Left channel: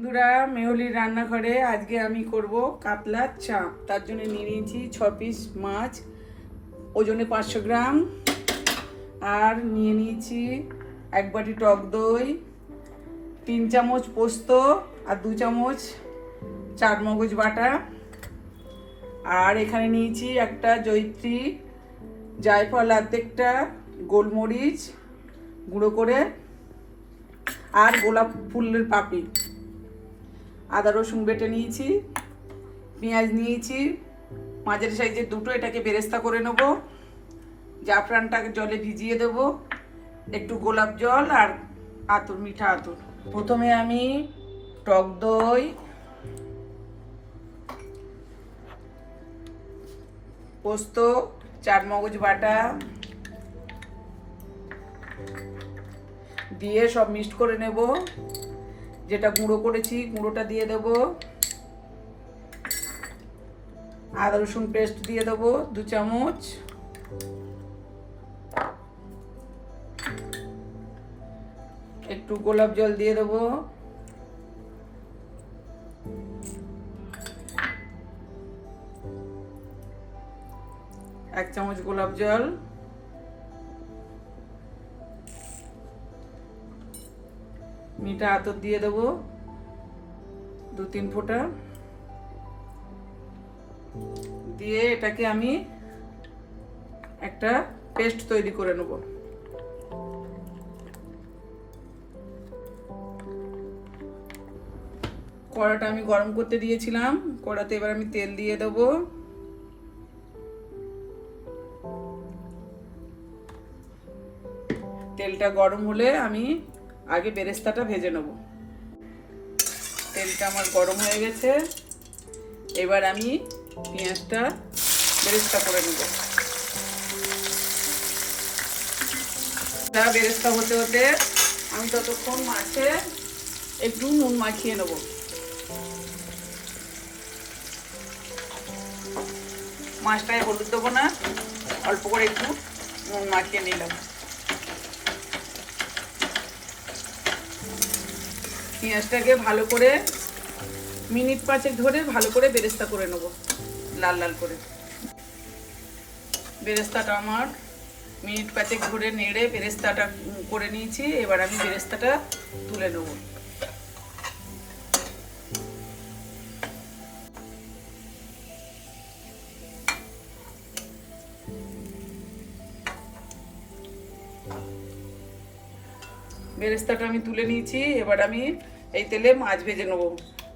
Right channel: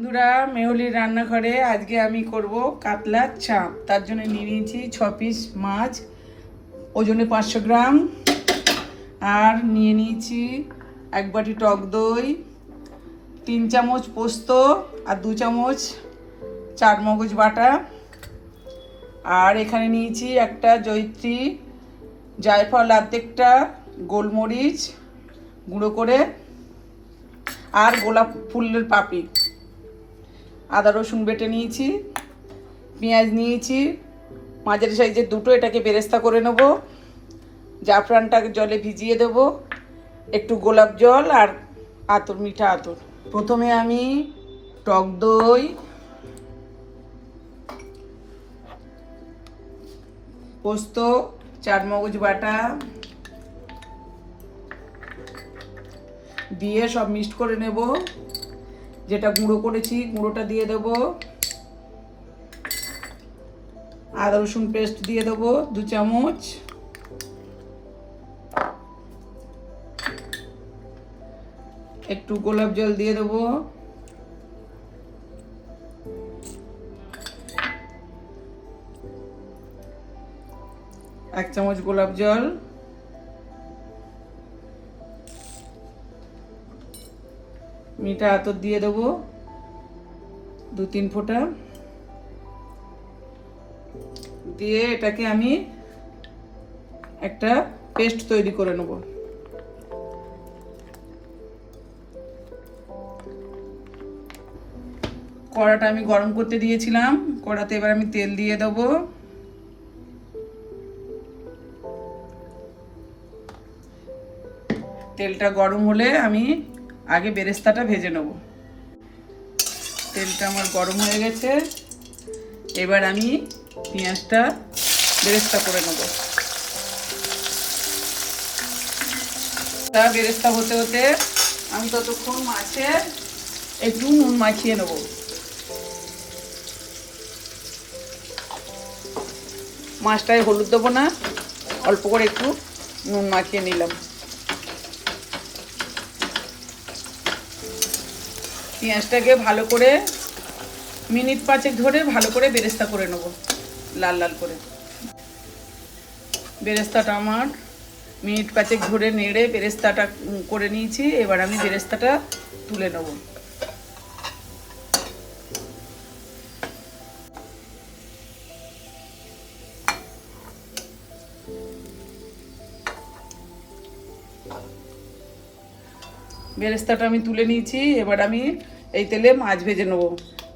বন্ধুরা, মেহুলির রান্নাঘরে আজকে আমি করব কাতলার চাপ। তার জন্য নিয়ে নিয়েছি 6 পিস মাছ, ওজনে 500 গ্রাম। আর নিয়ে নিয়েছি 1 বাটি টক দই, 3 চামচ পোস্ত আর 2 চামচ চারমগজ বাটা। আর এখানে নিয়েছি একটা জয়িত্রী, জায়ফল অর্ধেকটা, গোলমরিচ গুঁড়ো করে, আর গোলাপ ফুলের পাপড়ি। আদা রসুন বেটে নিয়েছি, পেঁয়াজ নিয়েছি মাঝারি সাইজের দুটো, এটাকে বেরেস্তা করে নেব। জাফরানটাকে জলে ভিজিয়ে দেব, একটু গোলাপ জল আর আতর, মিঠা আতর। প্রথমে আমি টক দই, পোস্ত, চারমগজ বাটা দিয়ে সব মিক্সড করে নেব। যেটা গুঁড়ো করেছি গুঁড়োটা দিয়ে দেব, আদা রসুন পেস্ট দিয়ে দেবো 2 চামচ, একটু গোলাপ জল দিয়ে দেবো, এক চামচ গোলাপ জল, মিঠা আতর দিয়ে দেবো 2-3 ফোঁটা দিয়ে এটাকে আমি একটা পেস্ট তৈরি করে নেব। কড়াটা আমি গরম করতে দিয়েছিলাম, কড়াতে এবার আমি তেল দিয়ে দেবো। তেলটা গরম হলে আমি আগে বেরেস্তাটা ভেজে নেব। তেলটা আমার গরম হয়ে গেছে, এবার আমি পেঁয়াজটা বেরেস্তা করে নেব। বেরেস্তা হতে হতে আমি ততক্ষণ মাছে একটু নুন মাখিয়ে নেব। মাছটায় হলুদ দেবো না, অল্প করে একটু নুন মাখিয়ে নিলাম। পেঁয়াজটাকে ভালো করে মিনিট 5 ধরে ভালো করে বেরেস্তা করে নেব, লাল লাল করে। বেরেস্তাটা আমার মিনিট 5 ধরে নেড়ে বেরেস্তাটা করে নিয়েছি। এবার আমি বেরেস্তাটা তুলে নেব। বেরেস্তাটা আমি তুলে নিয়েছি, এবার আমি এই তেলে মাছ ভেজে নেব।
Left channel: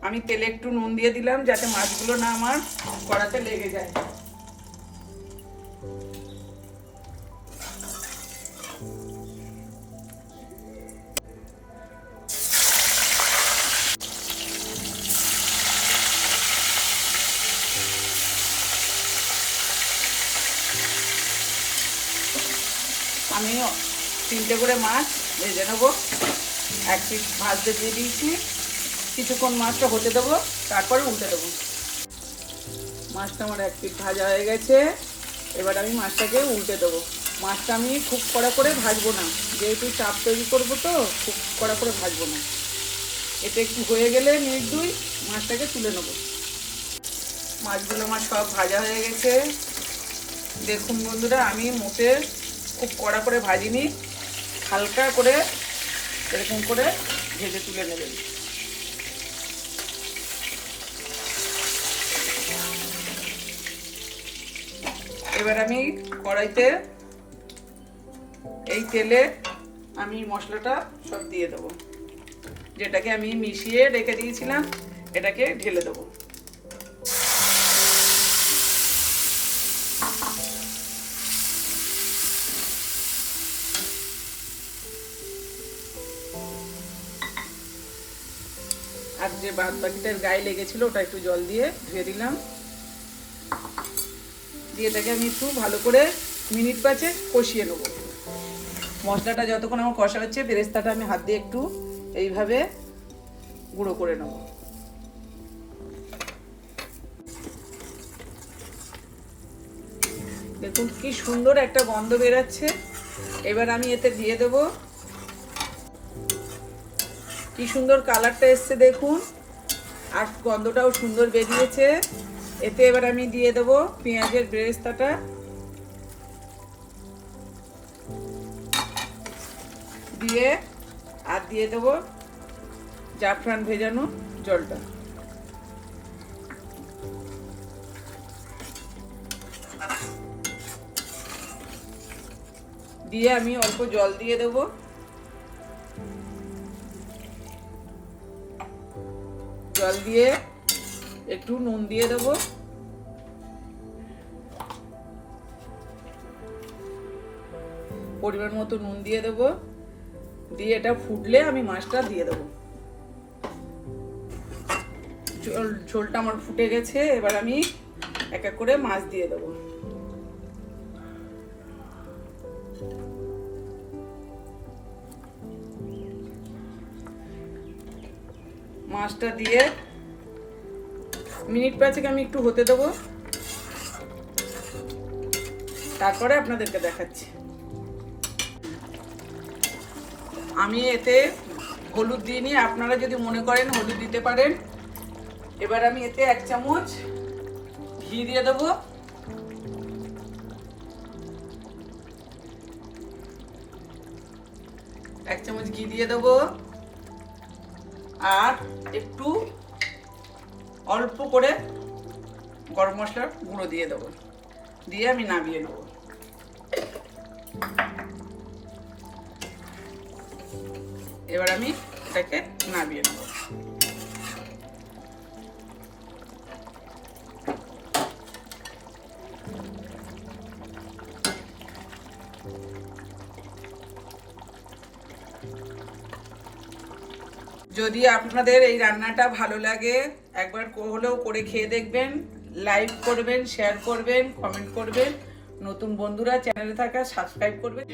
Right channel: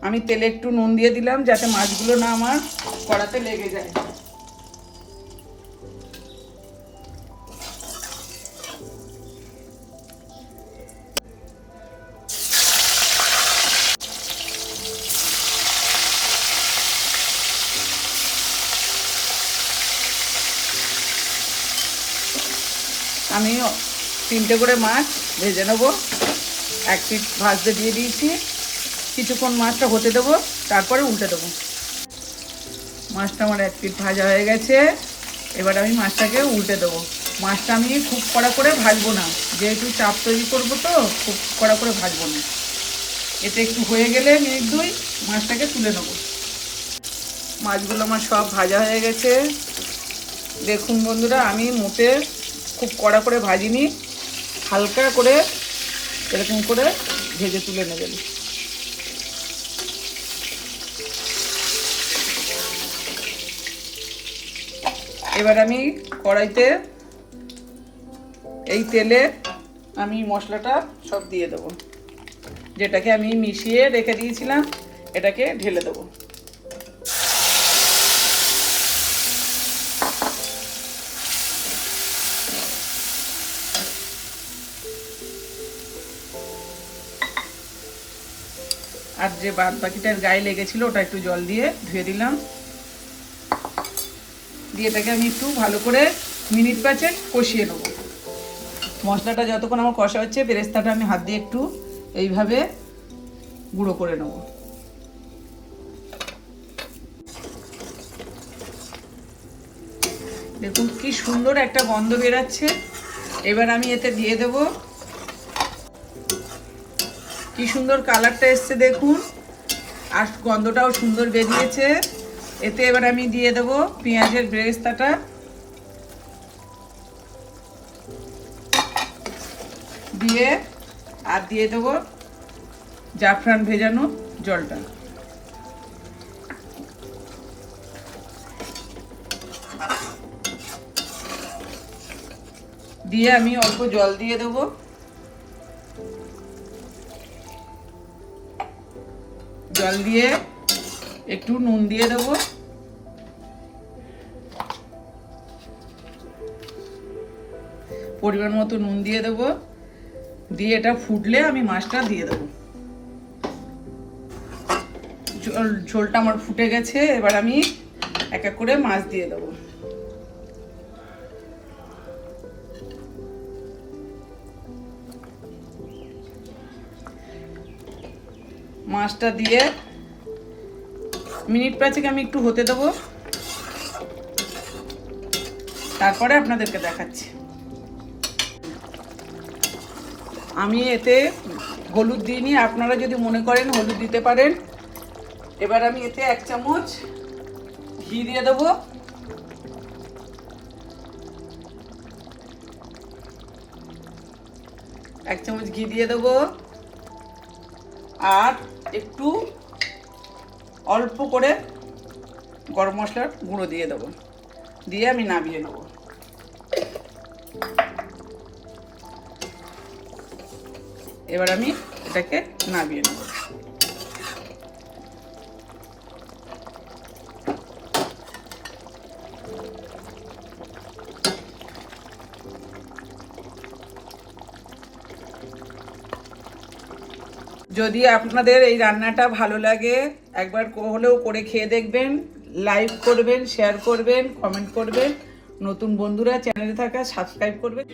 আমি তেলে একটু নুন দিয়ে দিলাম যাতে মাছগুলো না আমার কড়াতে লেগে যায়। আমি 3টে করে মাছ ভেজে নেবো। 1 পিঠ ভাজতে দিয়ে দিয়েছি, কিছুক্ষণ মাছটা হতে দেবো, তারপরে উল্টে দেবো। মাছটা আমার 1 পিঠ ভাজা হয়ে গেছে, এবার আমি মাছটাকে উল্টে দেবো। মাছটা আমি খুব কড়া করে ভাজবো না, যেহেতু চাপ তৈরি করবো তো খুব কড়া করে ভাজবো না। এতে একটু হয়ে গেলে মিনিট 2 মাছটাকে তুলে নেবো। মাছগুলো আমার সব ভাজা হয়ে গেছে। দেখুন বন্ধুরা, আমি মোটে খুব কড়া করে ভাজিনি, হালকা করে এরকম করে ভেজে তুলে নেবেন। এবার আমি কড়াইতে এই তেলে আমি মশলাটা সব দিয়ে দেবো, যেটাকে আমি মিশিয়ে রেখে দিয়েছিলাম, এটাকে ঢেলে দেবো। আর যে বাদ বাকিটার গায়ে লেগেছিল ওটা একটু জল দিয়ে ধুয়ে দিলাম। দিয়ে এটাকে আমি একটু ভালো করে মিনিট 5 কষিয়ে নেবো। মশলাটা যতক্ষণ আমার কষা হচ্ছে, বেরেস্তাটা আমি হাত দিয়ে একটু এইভাবে গুঁড়ো করে নেবো। দেখুন কি সুন্দর একটা গন্ধ বেরোচ্ছে। এবার আমি এতে দিয়ে দেবো কি সুন্দর কালারটা এসছে দেখুন, আর গন্ধটাও সুন্দর বেরিয়েছে। এতে এবার আমি দিয়ে দেবো পেঁয়াজের বেরেস্তাটা, দিয়ে আর দিয়ে দেবো জাফরান ভেজানো জলটা। দিয়ে আমি অল্প জল দিয়ে দেবো। জল দিয়ে একটু নুন দিয়ে দেবো। পরিমাণ মতো নুন দিয়ে দেবো। দিয়ে এটা ফুটলে আমি মাছটা দিয়ে দেবো। ঝোলটা আমার ফুটে গেছে, এবার আমি এক এক করে মাছ দিয়ে দেবো। মাছটা দিয়ে মিনিট পাঁচেক আমি একটু হতে দেবো, তারপরে আপনাদেরকে দেখাচ্ছি। আমি এতে হলুদ দিইনি, আপনারা যদি মনে করেন হলুদ দিতে পারেন। এবার আমি এতে 1 চামচ ঘি দিয়ে দেবো। এক চামচ ঘি দিয়ে দেবো, আর একটু অল্প করে গরম মশলার গুঁড়ো দিয়ে দেবো। দিয়ে আমি নামিয়ে নেব। এবার আমি এটাকে নামিয়ে নেব। যদি আপনাদের এই রান্নাটা ভালো লাগে, একবার হলেও করে খেয়ে দেখবেন। লাইক করবেন, শেয়ার করবেন, কমেন্ট করবেন। নতুন বন্ধুরা চ্যানেলে থাকা সাবস্ক্রাইব করবেন।